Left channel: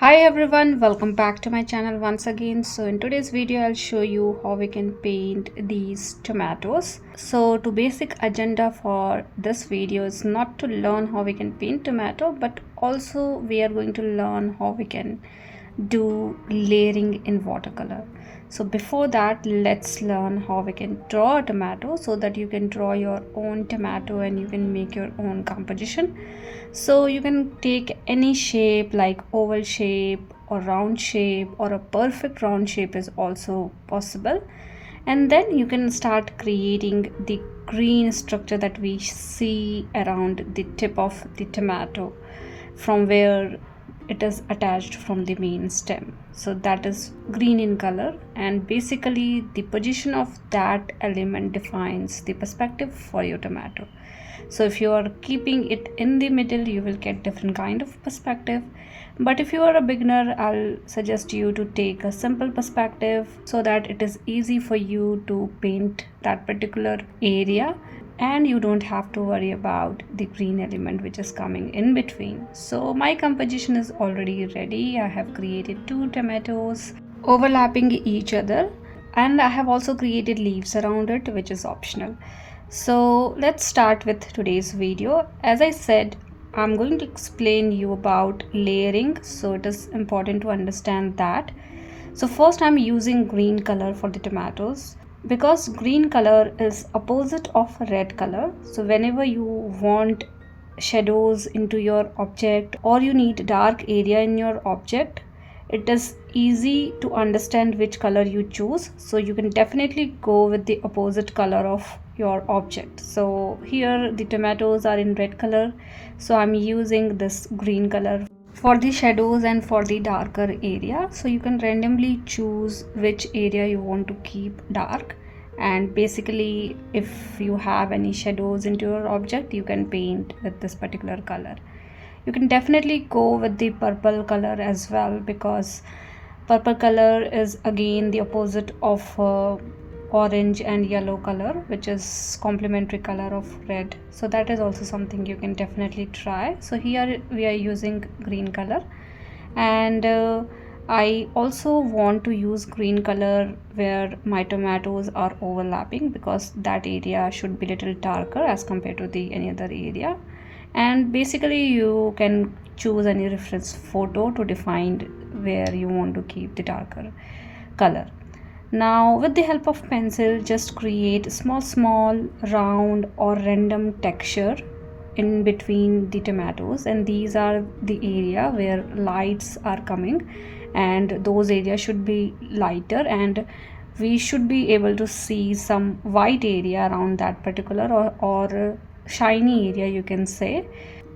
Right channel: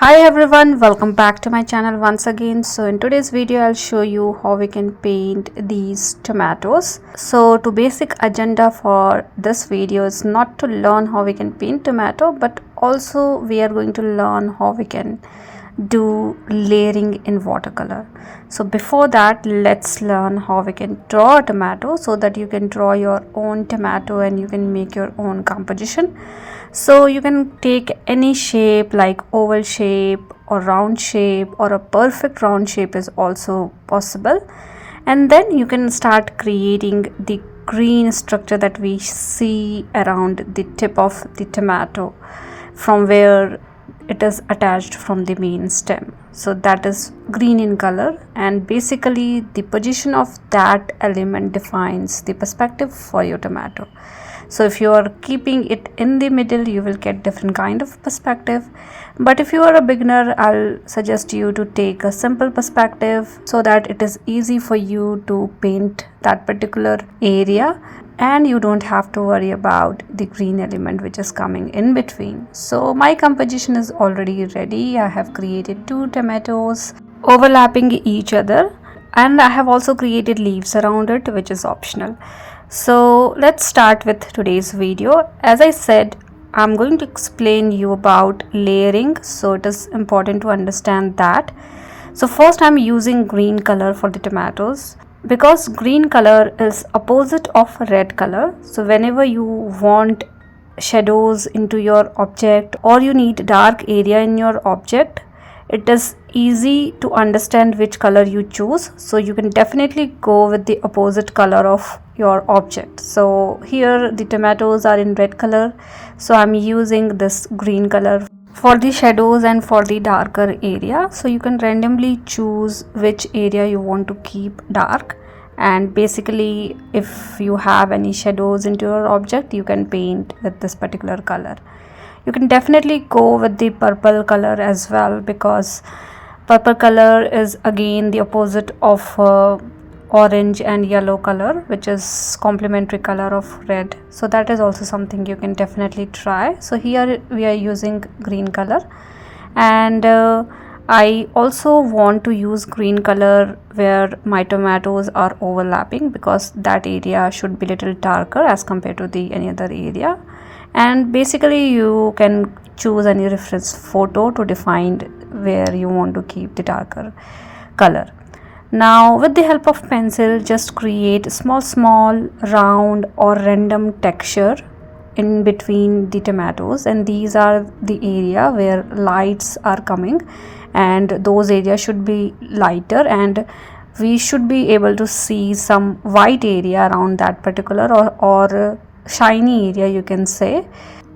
Hi everyone, welcome back to my channel once again. So in today's video I'll show you how we can paint these tomatoes. So the basic agenda for this video is not to learn how we can paint tomato, but also we are going to learn how we can do layering in watercolor. So before that, let's learn how we can draw a tomato so that you can draw your own tomato and you can make your own composition. So you can take any shape like oval shape or round shape, or a perfect round shape is also possible. And then you can start creating the green structure that we see around the tip of the tomato from where it is attached from the main stem. So that is green in color, and basically the position of that element defines the perspective for your tomato. So if you are keeping it in the middle, you will get different kind of perspective. But if you are a beginner, I'll suggest you to take a simple perspective so that it is easy for you to paint that particular area, and you don't have to worry about the green element which is coming in between. So my composition is already ready. I have created 2 tomatoes overlapping each other, and I have also created leaves around it, which is optional. So let's start with today's video. As I said, I'm going to explain you about layering, so it is important to understand that. So first I'm using green color for the tomatoes because green color is opposite of red color. So whenever you want shadows into your object or you need dark area in your object, it is easy to understand which color you choose. So you can definitely go with the opposite color of your object. So here the tomatoes are in red color, so I'm using this green color for the shadows and for the darker area. So you can randomly choose which area you want to keep dark, and basically if you have any shadows into your object, you can paint with this particular color. You can definitely go with the purple color as well, because purple color is again the opposite of orange and yellow color, which is complementary color of red. So that is also something you can definitely try. So here we are using green color, and I also want to use green color where my tomatoes are overlapping, because that area should be little darker as compared to the any other area. And basically you can choose any reference photo to define where you want to keep the darker color. Now with the help of pencil, just create small round or random texture in between the tomatoes, and these are the area where lights are coming, and those areas should be lighter, and we should be able to see some white area around that particular or shiny area, you can say.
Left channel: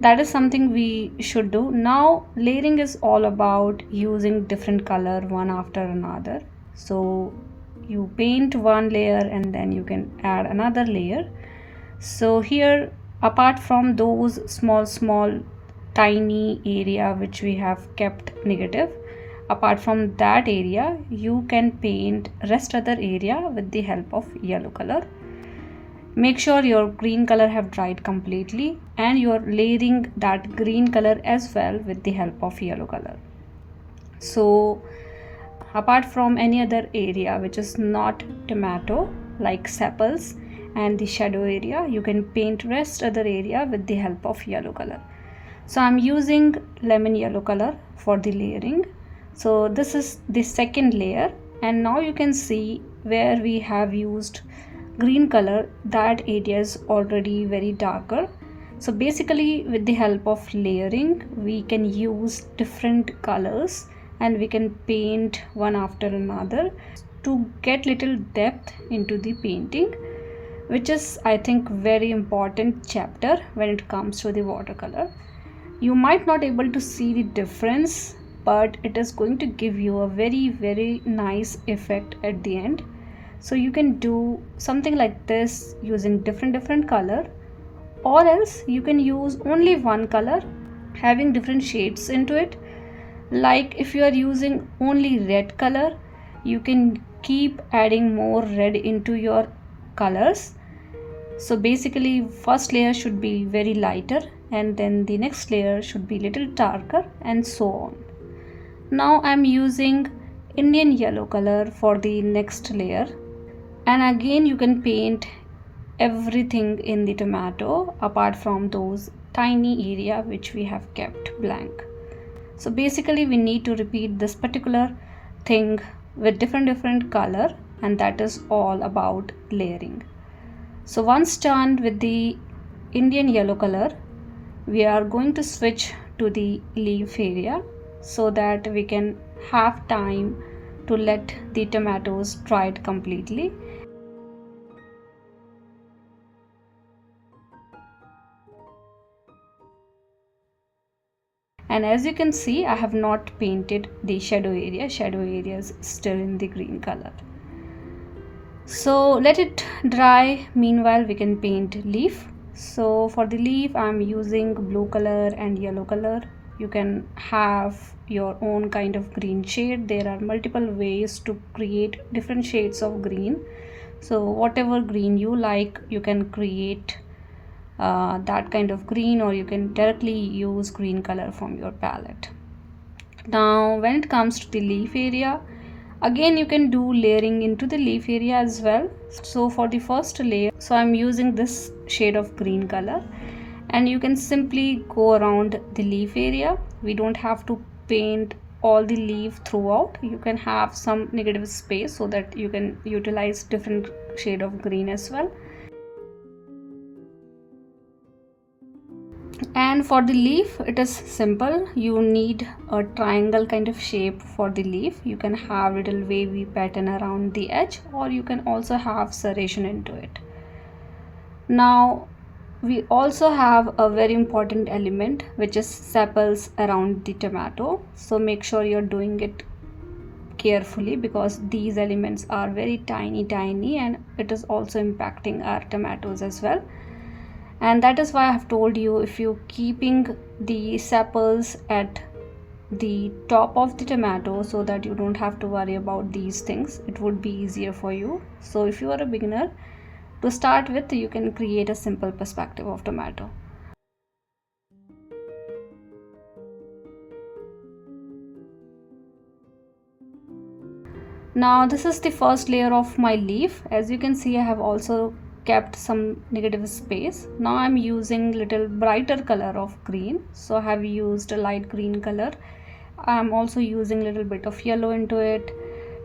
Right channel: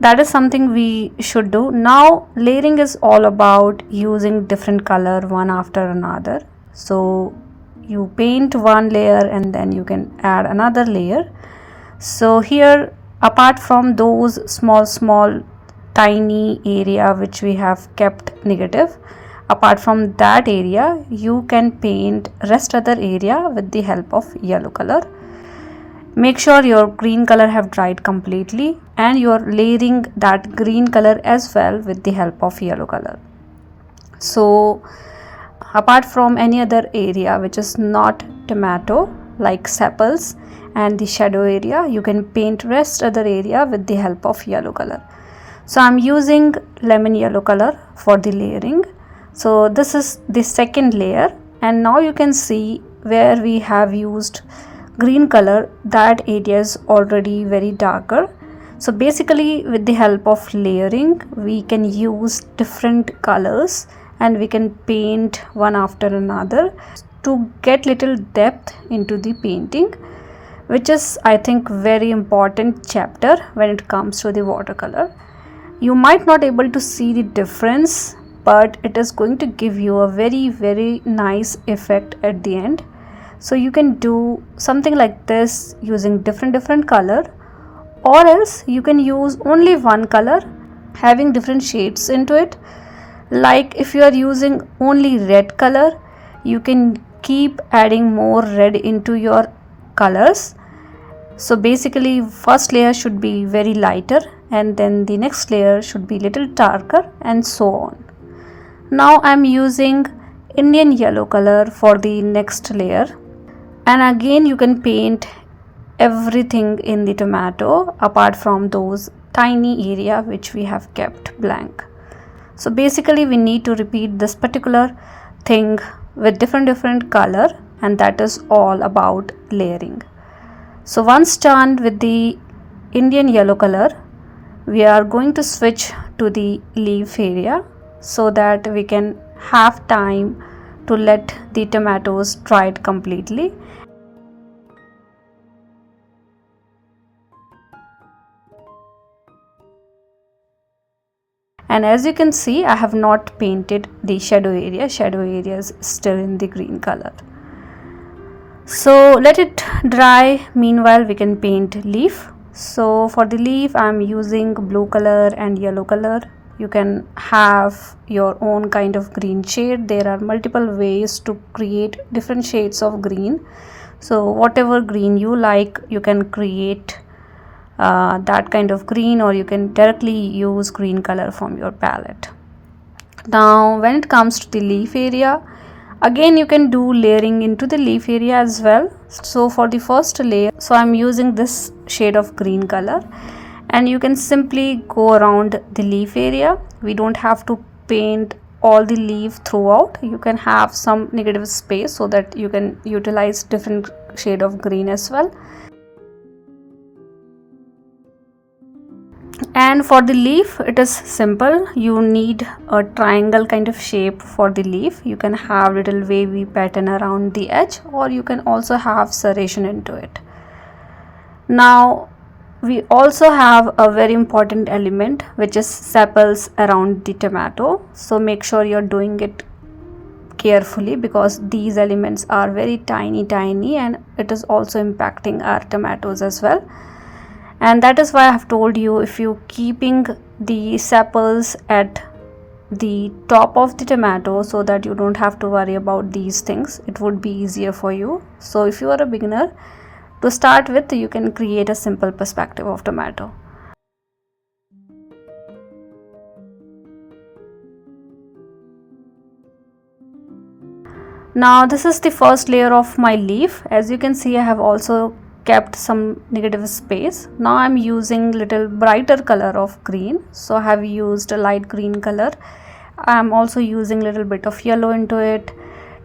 That is something we should do. Now layering is all about using different color one after another. So you paint one layer and then you can add another layer. So here, apart from those small tiny area which we have kept negative, apart from that area you can paint rest other area with the help of yellow color. Make sure your green color have dried completely, and you are layering that green color as well with the help of yellow color. So apart from any other area which is not tomato, like sepals and the shadow area, you can paint rest other area with the help of yellow color. So I'm using lemon yellow color for the layering. So this is the second layer, and now you can see where we have used green color, that area is already very darker. So basically with the help of layering we can use different colors and we can paint one after another to get little depth into the painting, which is I think very important chapter when it comes to the watercolor. You might not able to see the difference, but it is going to give you a very nice effect at the end. So you can do something like this using different color, or else you can use only one color having different shades into it. Like if you are using only red color, you can keep adding more red into your colors. So basically first layer should be very lighter, and then the next layer should be little darker, and so on. Now I'm using Indian yellow color for the next layer, and again you can paint everything in the tomato apart from those tiny area which we have kept blank. So basically we need to repeat this particular thing with different color, and that is all about layering. So once done with the Indian yellow color, we are going to switch to the leaf area so that we can have time to let the tomatoes dry it completely. And as you can see, I have not painted the shadow area. Shadow area is still in the green color. So let it dry. Meanwhile, we can paint leaf. So for the leaf, I'm using blue color and yellow color. You can have your own kind of green shade. There are multiple ways to create different shades of green. So whatever green you like, you can create that kind of green, or you can directly use green color from your palette. Now when it comes to the leaf area, again you can do layering into the leaf area as well. So for the first layer, so I'm using this shade of green color, and you can simply go around the leaf area. We don't have to paint all the leaf throughout. You can have some negative space so that you can utilize different shade of green as well. And for the leaf, it is simple. You need a triangle kind of shape for the leaf. You can have little wavy pattern around the edge, or you can also have serration into it. Now we also have a very important element, which is sepals around the tomato. So make sure you're doing it carefully, because these elements are very tiny and it is also impacting our tomatoes as well. And that is why I have told you, if you keeping the sepals at the top of the tomato so that you don't have to worry about these things, it would be easier for you. So if you are a beginner, to start with, you can create a simple perspective of tomato. Now this is the first layer of my leaf. As you can see, I have also kept some negative space. Now I'm using little brighter color of green, so I have used a light green color. I'm also using little bit of yellow into it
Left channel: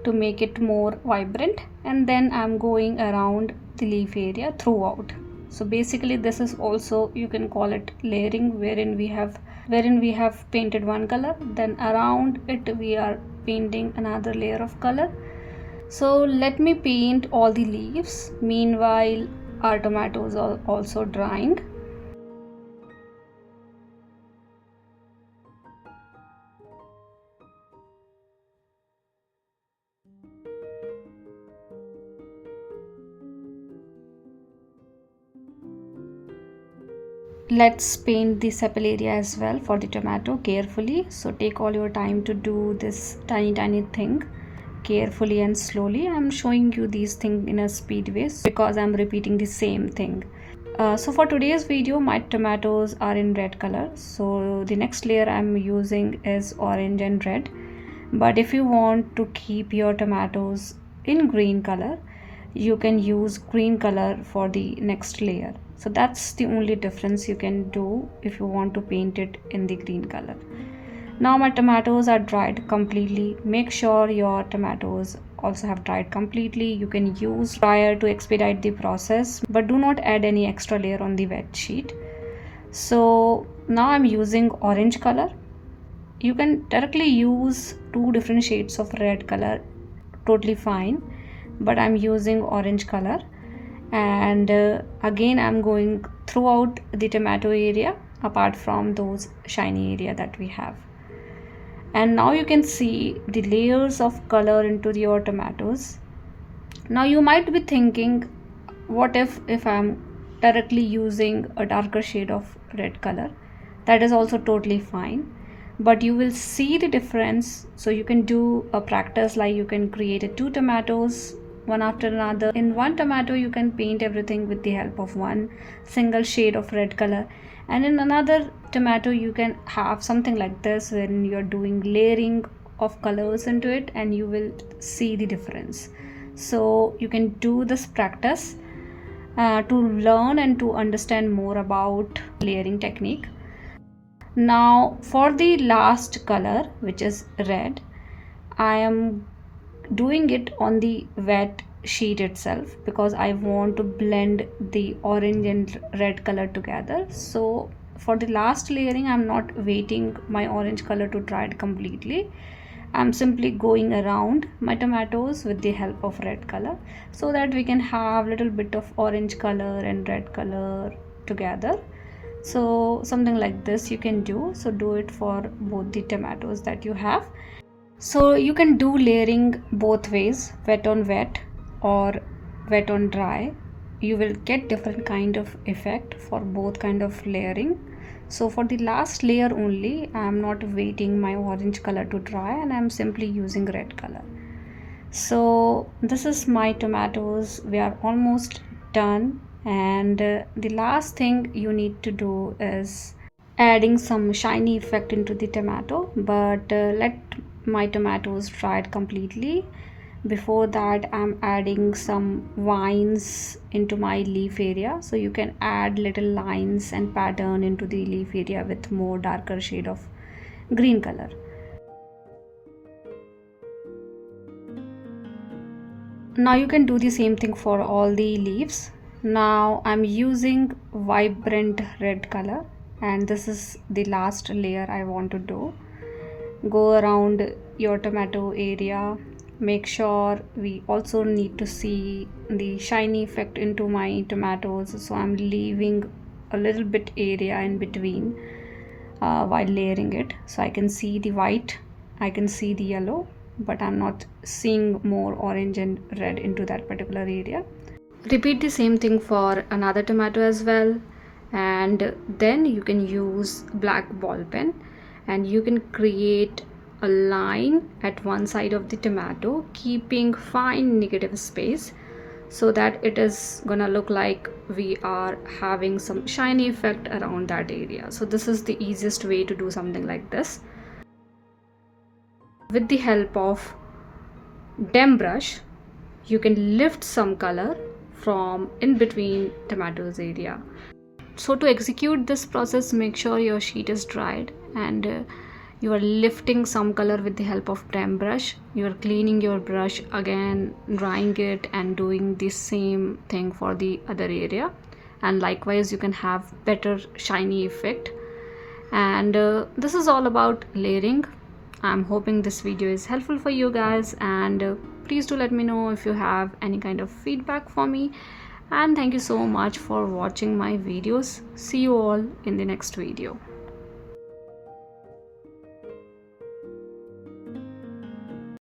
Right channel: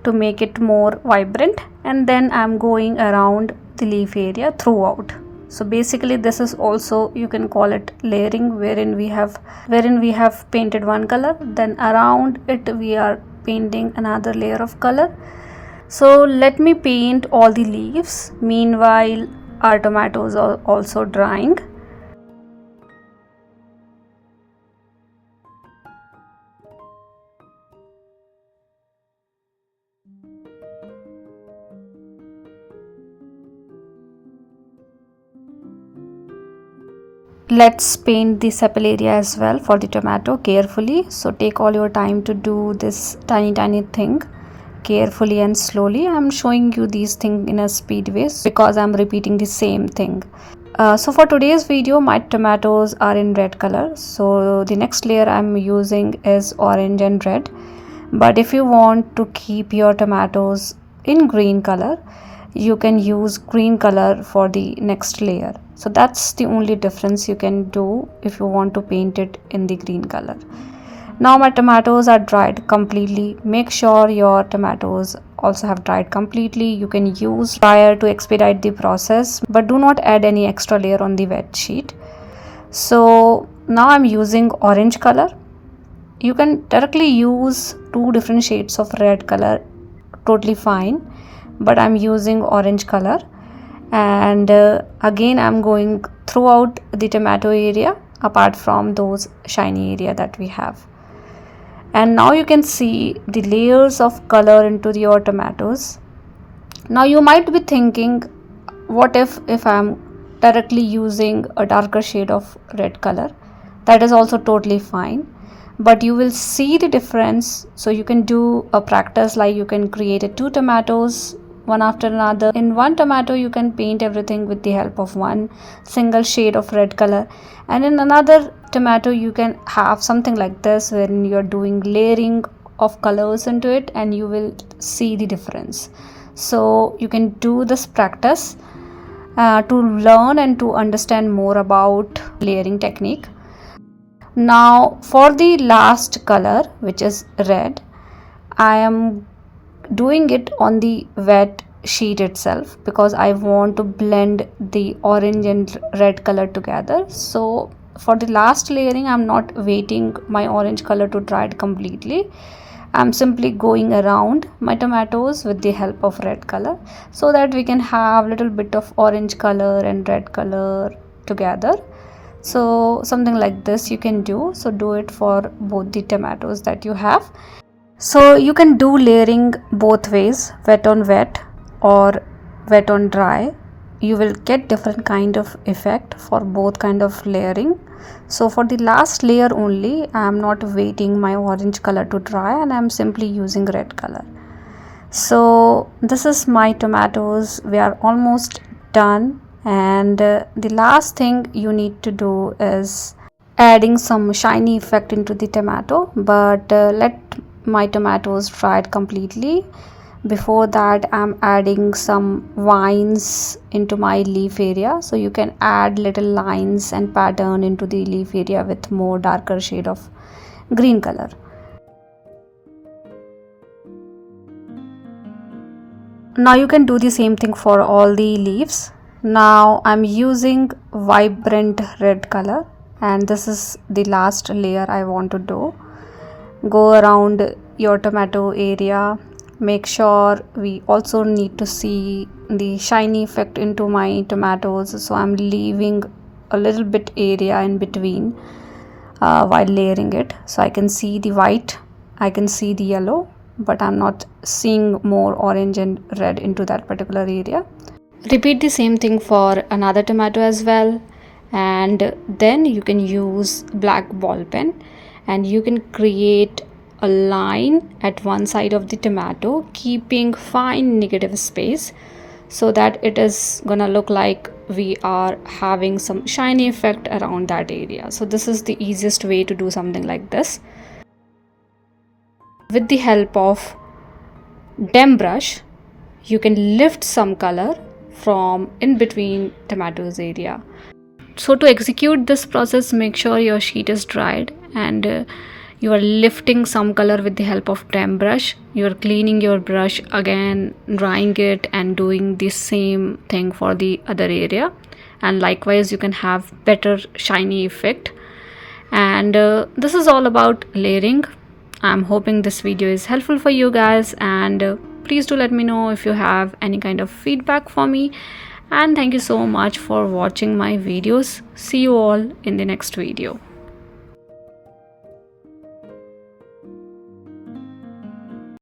to make it more vibrant, and then I'm going around the leaf area throughout. So basically this is also, you can call it layering, wherein we have painted one color, then around it we are painting another layer of color. So let me paint all the leaves. Meanwhile, our tomatoes are also drying. Let's paint the sepal area as well for the tomato carefully. So take all your time to do this tiny thing carefully and slowly. I'm showing you these things in a speed way because I'm repeating the same thing. So for today's video, my tomatoes are in red color, so the next layer I'm using is orange and red. But if you want to keep your tomatoes in green color, you can use green color for the next layer. So that's the only difference you can do if you want to paint it in the green color. Now my tomatoes are dried completely. Make sure your tomatoes also have dried completely. You can use dryer to expedite the process, but do not add any extra layer on the wet sheet. So now I'm using orange color. You can directly use two different shades of red color, totally fine, but I'm using orange color. And again I'm going throughout the tomato area apart from those shiny area that we have. And now you can see the layers of color into your tomatoes. Now you might be thinking, what if I'm directly using a darker shade of red color? That is also totally fine, but you will see the difference. So you can do a practice, like you can create two tomatoes one after another. In one tomato you can paint everything with the help of one single shade of red color, and in another tomato you can have something like this when you're doing layering of colors into it and you will see the difference. So you can do this practice to learn and to understand more about layering technique. Now for the last color, which is red, I am doing it on the wet sheet itself because I want to blend the orange and red color together. So for the last layering, I'm not waiting my orange color to dry it completely. I'm simply going around my tomatoes with the help of red color so that we can have little bit of orange color and red color together. So something like this you can do. So do it for both the tomatoes that you have. So you can do layering both ways, wet on wet or wet on dry. You will get different kind of effect for both kind of layering. So for the last layer only, I am not waiting my orange color to dry and I am simply using red color. So this is my tomatoes. We are almost done, and the last thing you need to do is adding some shiny effect into the tomato, but let my tomatoes dried completely. Before that, I'm adding some vines into my leaf area, so you can add little lines and pattern into the leaf area with more darker shade of green color. Now you can do the same thing for all the leaves. Now I'm using vibrant red color, and this is the last layer I want to do. Go around your tomato area. Make sure we also need to see the shiny effect into my tomatoes, so I'm leaving a little bit area in between while layering it, so I can see the white, I can see the yellow, but I'm not seeing more orange and red into that particular area. Repeat the same thing for another tomato as well, and then you can use black ball pen and you can create a line at one side of the tomato, keeping fine negative space so that it is gonna look like we are having some shiny effect around that area. So this is the easiest way to do something like this. With the help of dim brush, you can lift some color from in between tomatoes area. So to execute this process, make sure your sheet is dried and you are lifting some color with the help of dim brush. You are cleaning your brush again, drying it, and doing the same thing for the other area, and likewise you can have better shiny effect. And this is all about layering. I'm hoping this video is helpful for you guys, and please do let me know if you have any kind of feedback for me. And thank you so much for watching my videos. See you all in the next video.